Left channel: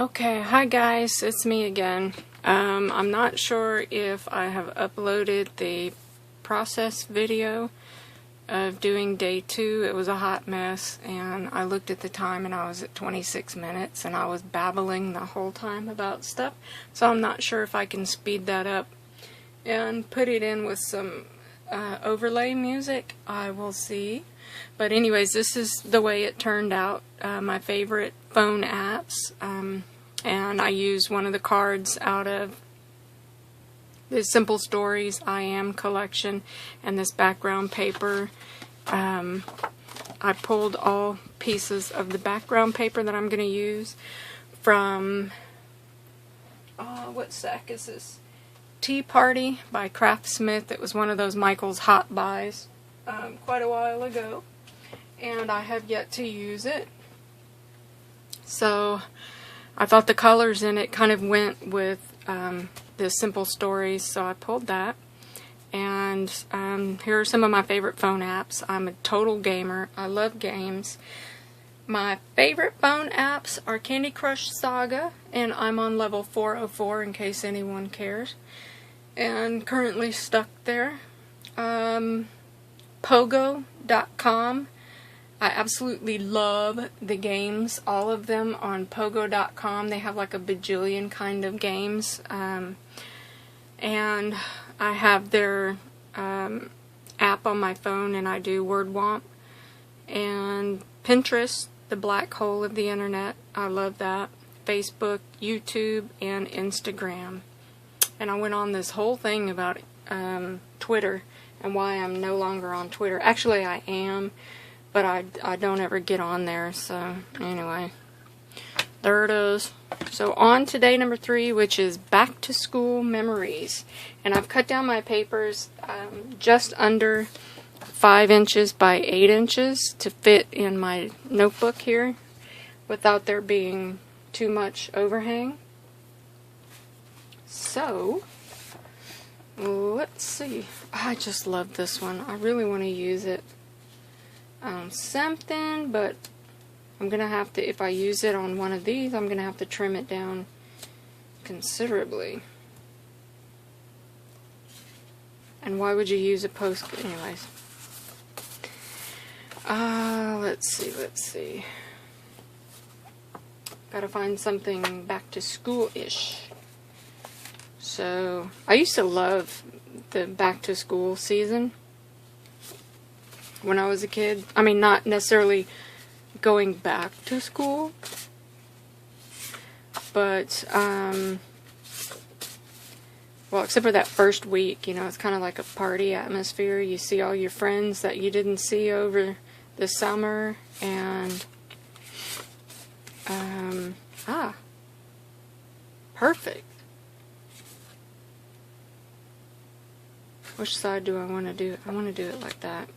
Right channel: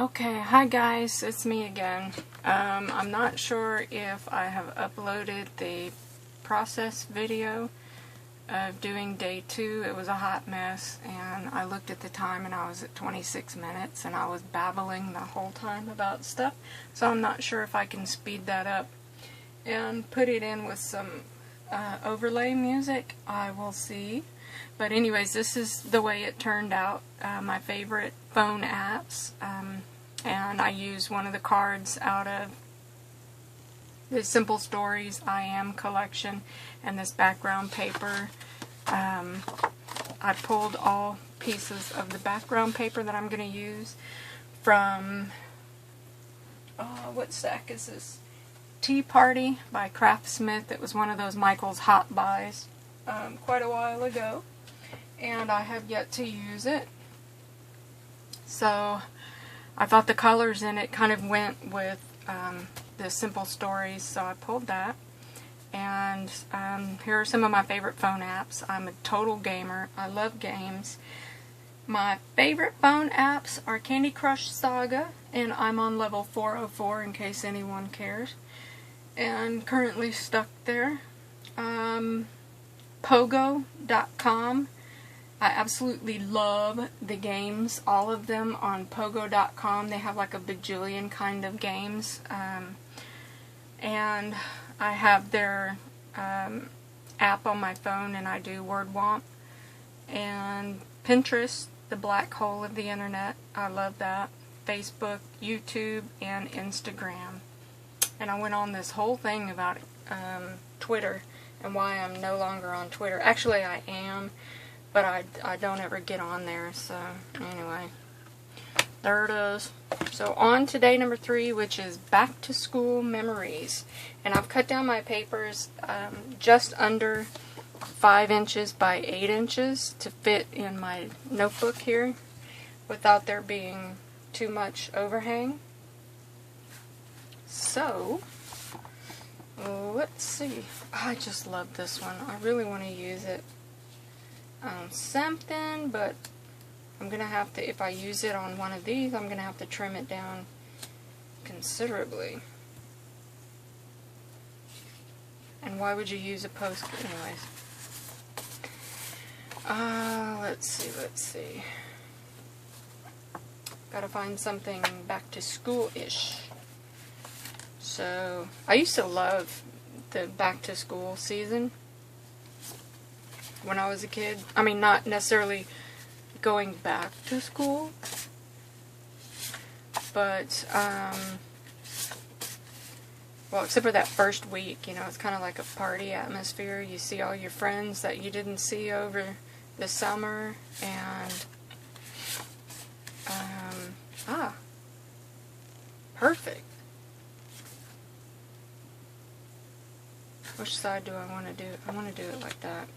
Okay, hi guys, it's me again. I'm not sure if I have uploaded the process video of doing day 2. It was a hot mess, and I looked at the time and I was at 26 minutes, and I was babbling the whole time about stuff, so I'm not sure if I can speed that up and put it in with some overlay music. I will see. But anyways, this is the way it turned out. My favorite phone apps, and I used one of the cards out of the Simple Stories I Am collection and this background paper. I pulled all pieces of the background paper that I'm going to use from, what sack is this? Tea Party by Craftsmith. It was one of those Michael's Hot Buys quite a while ago, and I have yet to use it. So I thought the colors in it kind of went with the Simple Stories, so I pulled that. And here are some of my favorite phone apps. I'm a total gamer. I love games. My favorite phone apps are Candy Crush Saga, and I'm on level 404 in case anyone cares, and currently stuck there. Pogo.com. I absolutely love the games, all of them on Pogo.com. They have like a bajillion kind of games, and I have their app on my phone, and I do WordWomp. And Pinterest, the black hole of the internet, I love that. Facebook, YouTube, and Instagram. And I went on this whole thing about Twitter and why I'm no longer on Twitter. Actually, I am, but I don't ever get on there, so anyway, there it is. So on to day number 3, which is back to school memories. And I've cut down my papers just under 5 inches by 8 inches to fit in my notebook here without there being too much overhang. So let's see. I just love this one. I really want to use it on something, but I'm going to have to, if I use it on one of these, I'm going to have to trim it down considerably. And why would you use a post? Anyways. Let's see. Gotta find something back to school-ish. So, I used to love the back to school season when I was a kid. I mean, not necessarily going back to school, but, well, except for that first week, you know, it's kind of like a party atmosphere. You see all your friends that you didn't see over the summer, and, perfect. Which side do I want to do? I want to do it like that.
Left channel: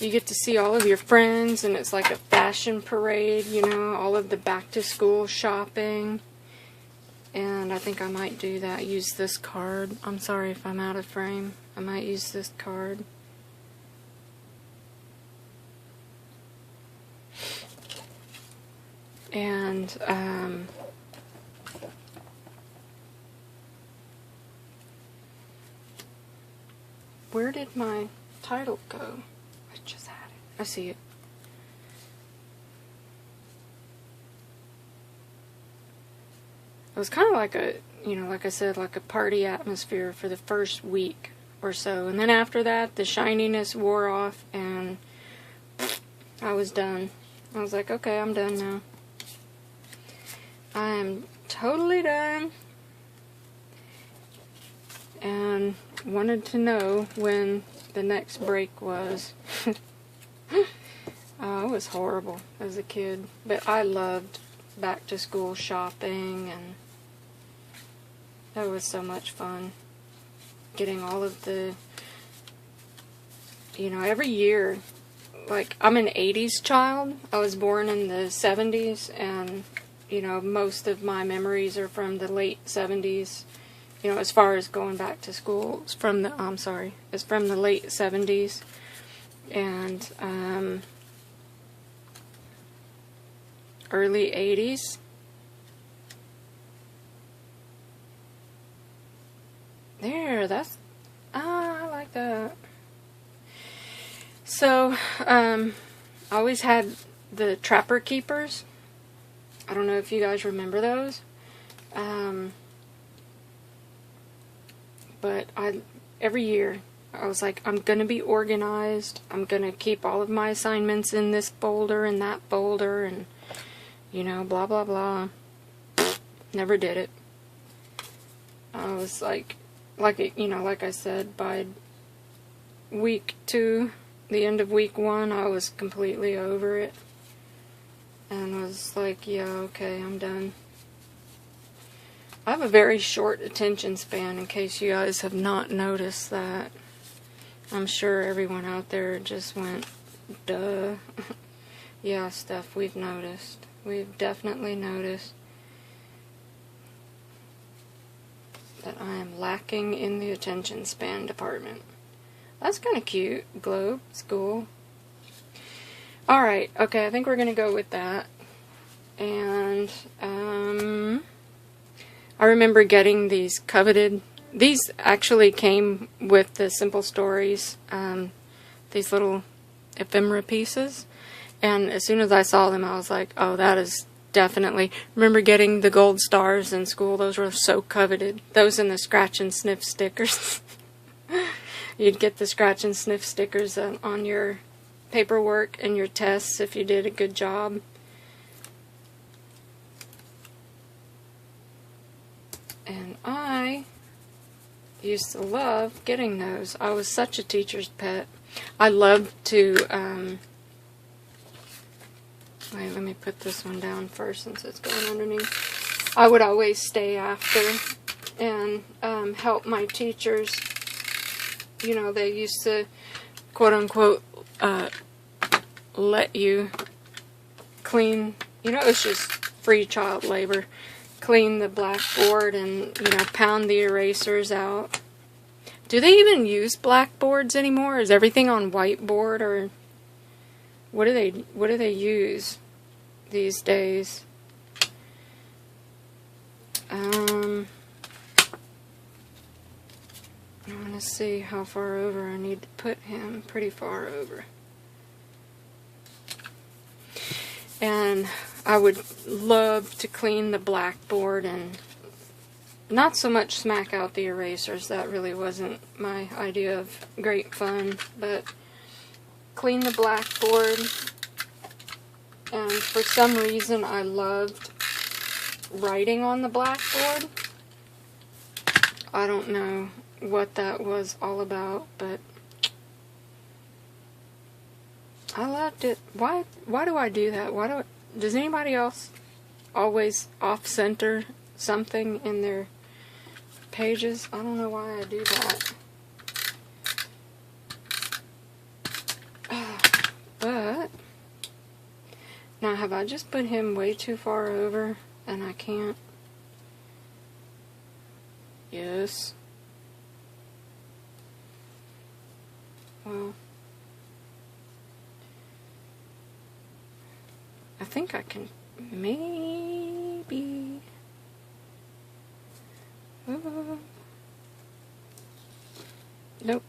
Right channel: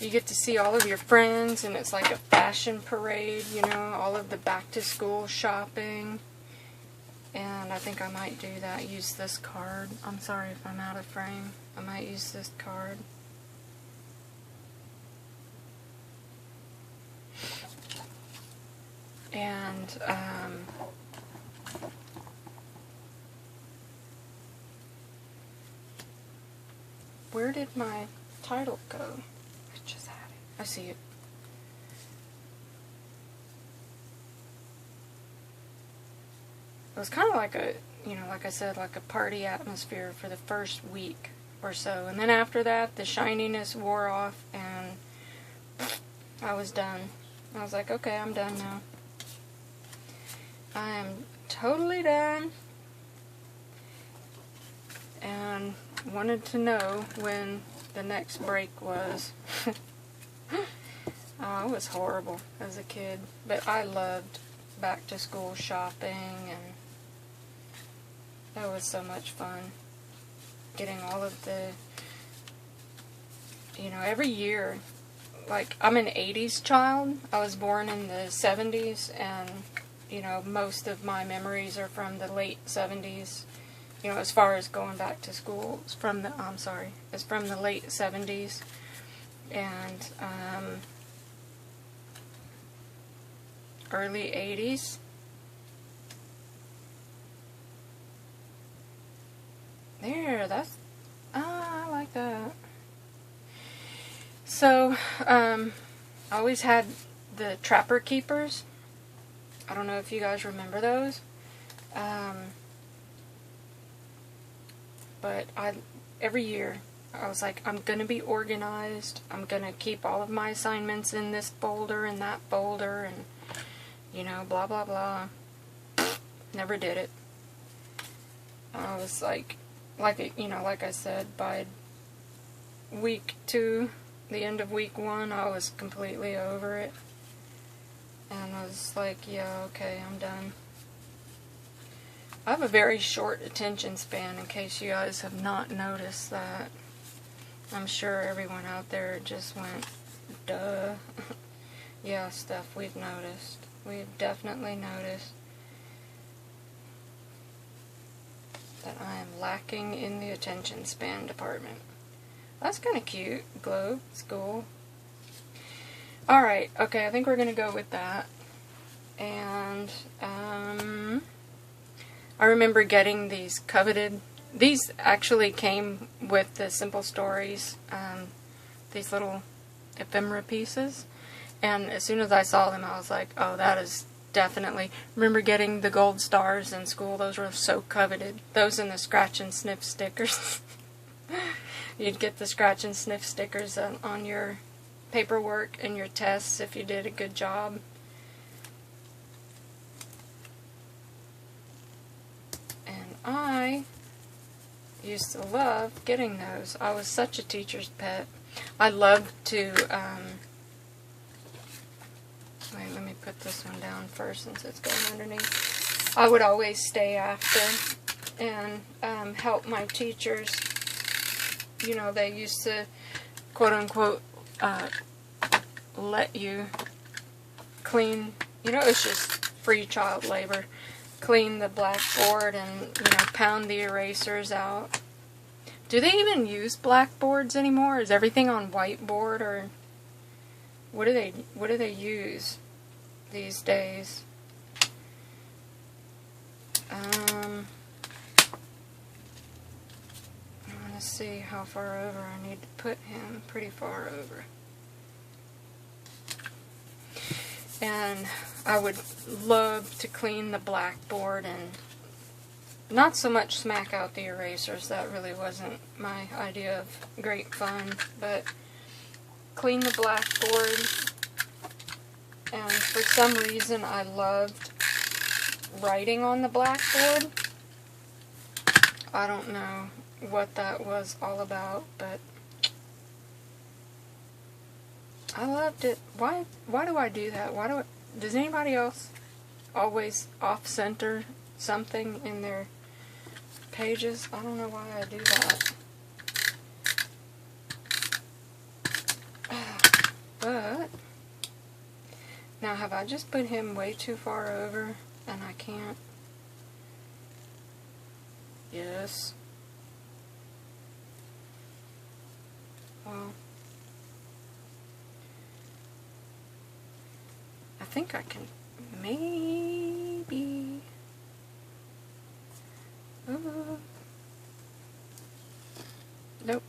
You get to see all of your friends, and it's like a fashion parade, you know, all of the back-to-school shopping. And I think I might do that. Use this card. I'm sorry if I'm out of frame. I might use this card. And, where did my title go? I just had it. I see it. It was kind of like a, you know, like I said, like a party atmosphere for the first week or so. And then after that, the shininess wore off, and I was done. I was like, okay, I'm done now. I am totally done. And wanted to know when the next break was. Oh, it was horrible as a kid. But I loved back to school shopping, and it was so much fun. Getting all of the, you know, every year, like, I'm an 80s child. I was born in the 70s, and, you know, most of my memories are from the late 70s. You know, as far as going back to school, it's from the, it's from the late 70s. And, early 80s. There, that's, I like that. So, I always had the Trapper Keepers. I don't know if you guys remember those. But every year, I was like, I'm going to be organized. I'm going to keep all of my assignments in this folder and that folder and, you know, blah, blah, blah. Never did it. I was like I said, by week 2, the end of week 1, I was completely over it. And was like, yeah, okay, I'm done. I have a very short attention span, in case you guys have not noticed that. I'm sure everyone out there just went, duh. Yeah, Steph, we've noticed. We've definitely noticed that I am lacking in the attention span department. That's kind of cute. Globe, school. Alright, okay, I think we're going to go with that. And, I remember getting these coveted, these actually came with the Simple Stories, these little ephemera pieces, and as soon as I saw them, I was like, oh, that is definitely, remember getting the gold stars in school, those were so coveted, those and the scratch and sniff stickers. You'd get the scratch and sniff stickers on your paperwork and your tests if you did a good job. And I used to love getting those. I was such a teacher's pet. I loved to, wait, let me put this one down first since it's going underneath. I would always stay after and help my teachers. You know, they used to, quote unquote, let you clean, you know, it was just free child labor. Clean the blackboard and, you know, pound the erasers out. Do they even use blackboards anymore? Is everything on whiteboard, or what do they use these days? I want to see how far over I need to put him. Pretty far over. And I would love to clean the blackboard and not so much smack out the erasers. That really wasn't my idea of great fun. But clean the blackboard. And for some reason I loved writing on the blackboard. I don't know what that was all about, but I loved it. Why do I do that? Does anybody else always off-center something in their pages? I don't know why I do that. But now, have I just put him way too far over and I can't? Yes. Well, I think I can maybe. Ooh. Nope.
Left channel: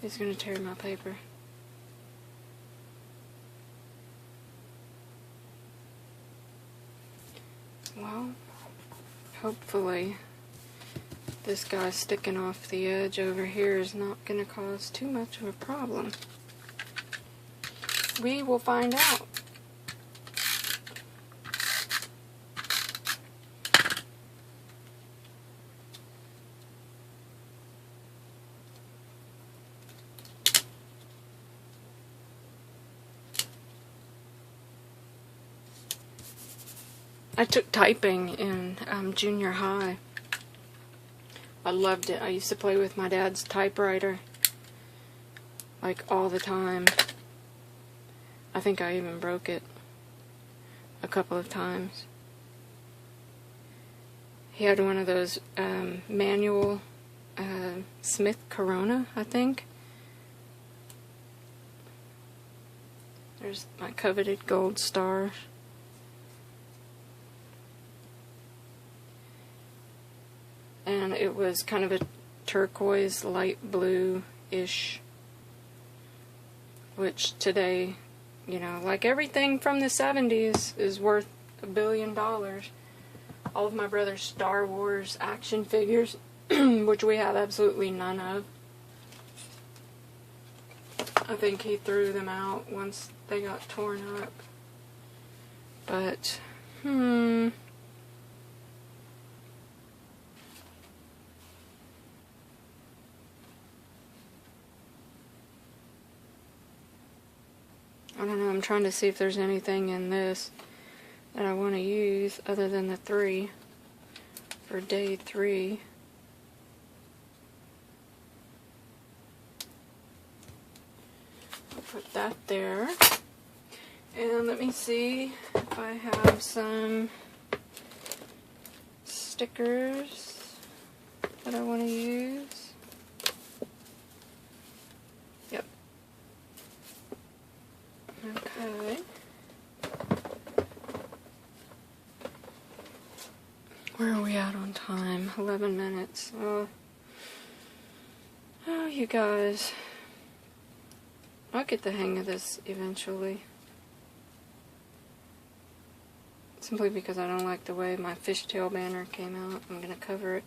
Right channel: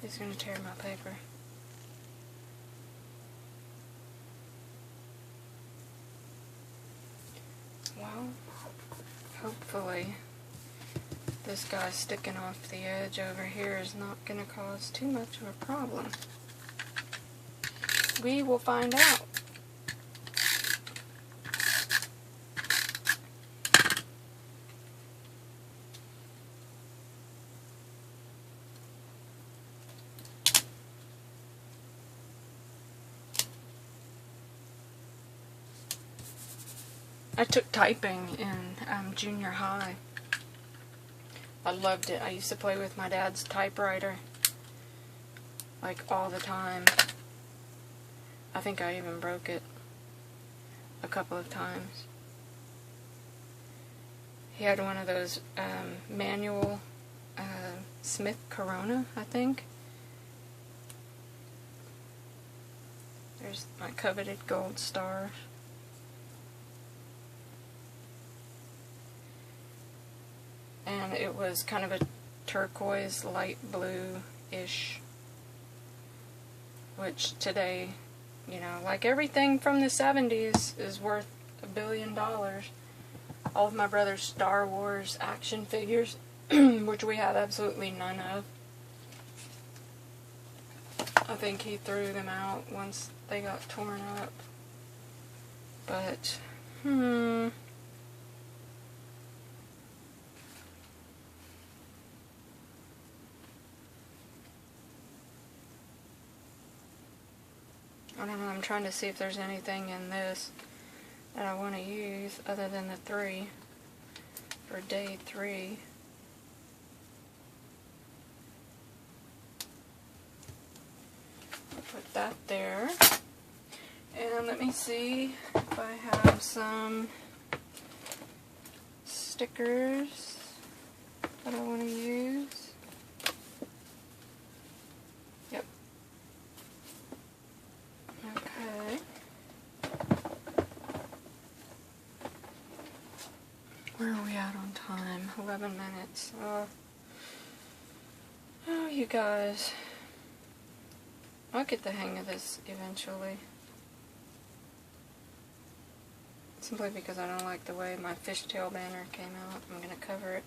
He's gonna tear my paper. Well, hopefully this guy sticking off the edge over here is not gonna cause too much of a problem. We will find out. I took typing in junior high. I loved it. I used to play with my dad's typewriter like all the time. I think I even broke it a couple of times. He had one of those manual Smith Corona, I think. There's my coveted gold star. And it was kind of a turquoise, light blue-ish. Which today, you know, like everything from the 70s is worth $1 billion. All of my brother's Star Wars action figures, which we have absolutely none of. I think he threw them out once they got torn up. But, I don't know, I'm trying to see if there's anything in this that I want to use other than the 3 for day 3. I'll put that there. And let me see if I have some stickers that I want to use. Yep. Okay. Where are we at on time? 11 minutes. Oh, you guys. I'll get the hang of this eventually. Simply because I don't like the way my fishtail banner came out. I'm going to cover it.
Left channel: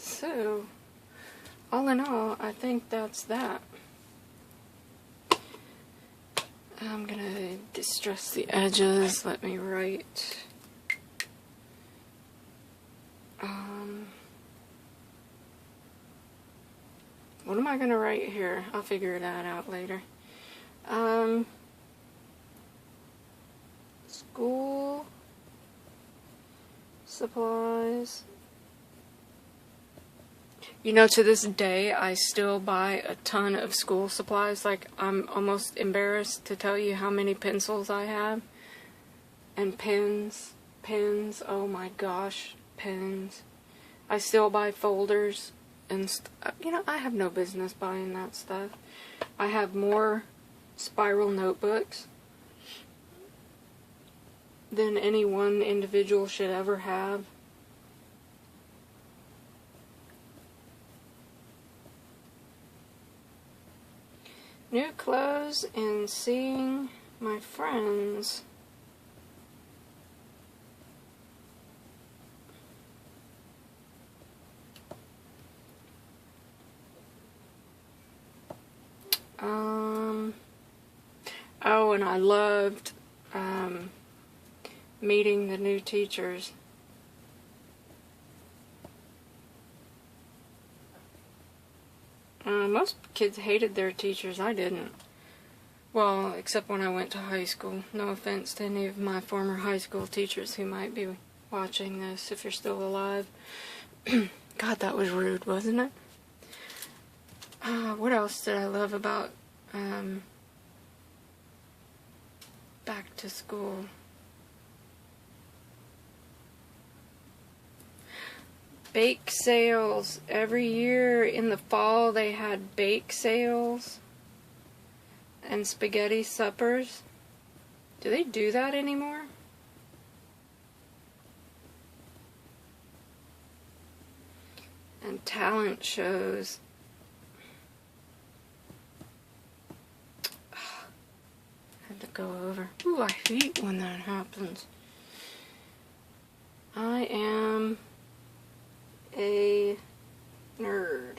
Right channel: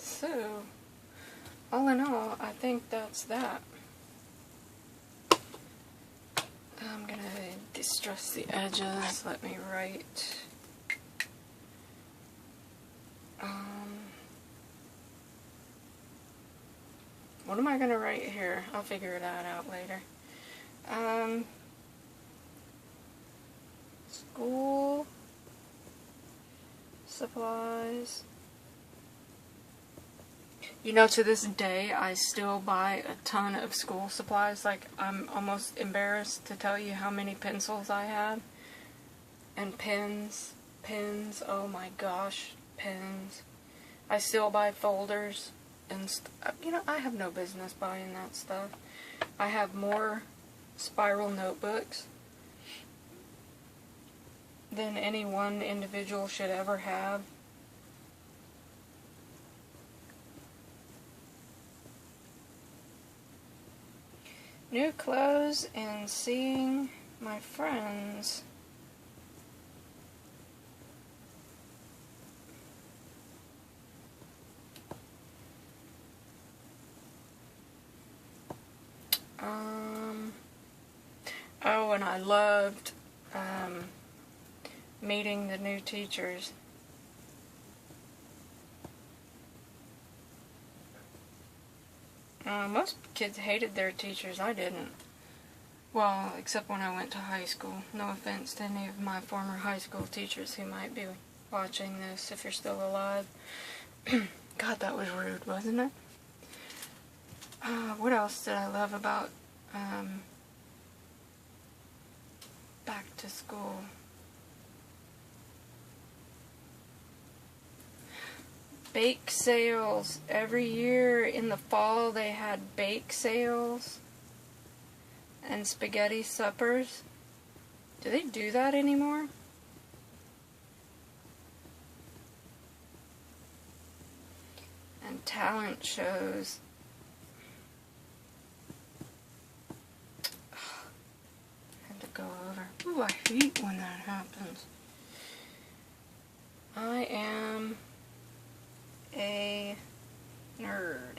So, all in all, I think that's that. I'm going to distress the edges. Let me write. What am I going to write here? I'll figure that out later. School supplies. You know, to this day, I still buy a ton of school supplies. Like, I'm almost embarrassed to tell you how many pencils I have. And pens. Pens. Oh my gosh. Pens. I still buy folders. And, you know, I have no business buying that stuff. I have more spiral notebooks than any one individual should ever have. New clothes and seeing my friends. Oh, and I loved meeting the new teachers. Most kids hated their teachers. I didn't. Well, except when I went to high school. No offense to any of my former high school teachers who might be watching this, if you're still alive. God, that was rude, wasn't it? What else did I love about back to school? Bake sales. Every year in the fall they had bake sales and spaghetti suppers. Do they do that anymore? And talent shows. Had to go over. Ooh, I hate when that happens. I am a nerd.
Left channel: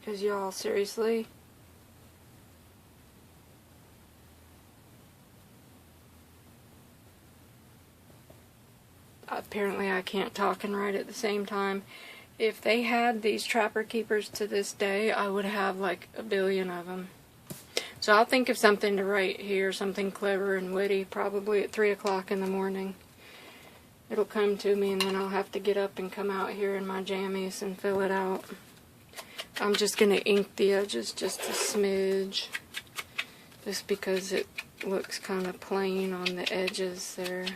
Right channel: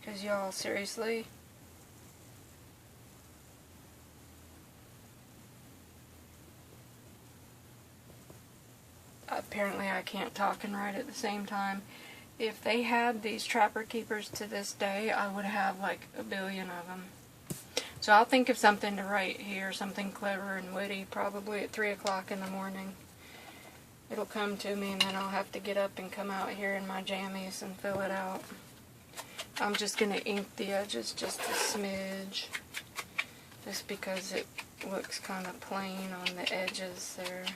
Because y'all, seriously? Apparently I can't talk and write at the same time. If they had these trapper keepers to this day, I would have like 1 billion of them. So I'll think of something to write here, something clever and witty, probably at 3 o'clock in the morning. It'll come to me, and then I'll have to get up and come out here in my jammies and fill it out. I'm just going to ink the edges just a smidge, just because it looks kind of plain on the edges there.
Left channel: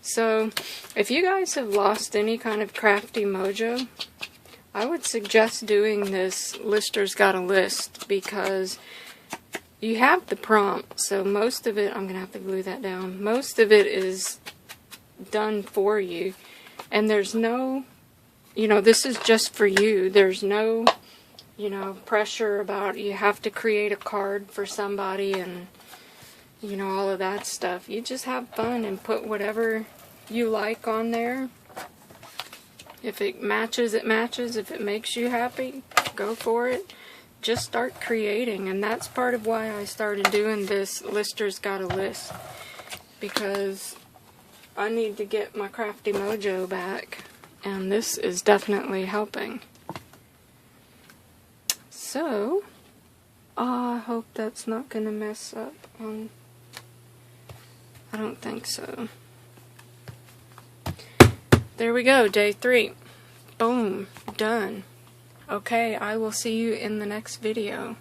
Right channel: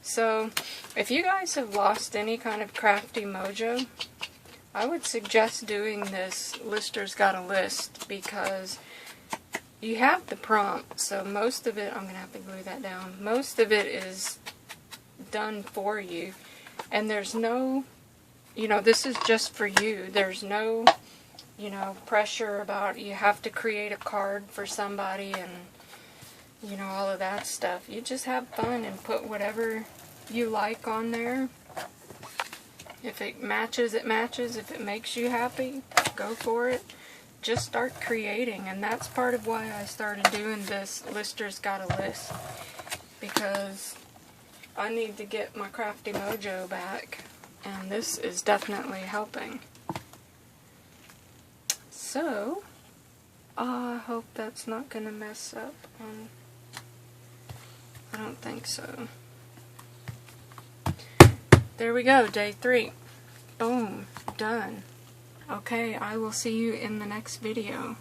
So, if you guys have lost any kind of crafty mojo, I would suggest doing this Lister's Gotta List, because you have the prompt, so most of it, I'm going to have to glue that down, most of it is done for you, and there's no, this is just for you. There's no, pressure about you have to create a card for somebody and, all of that stuff. You just have fun and put whatever you like on there. If it matches, it matches. If it makes you happy, go for it. Just start creating, and that's part of why I started doing this Lister's Gotta List, because I need to get my crafty mojo back, and this is definitely helping. So, I hope that's not going to mess up on... I don't think so. There we go, day 3. Boom, done. Okay, I will see you in the next video.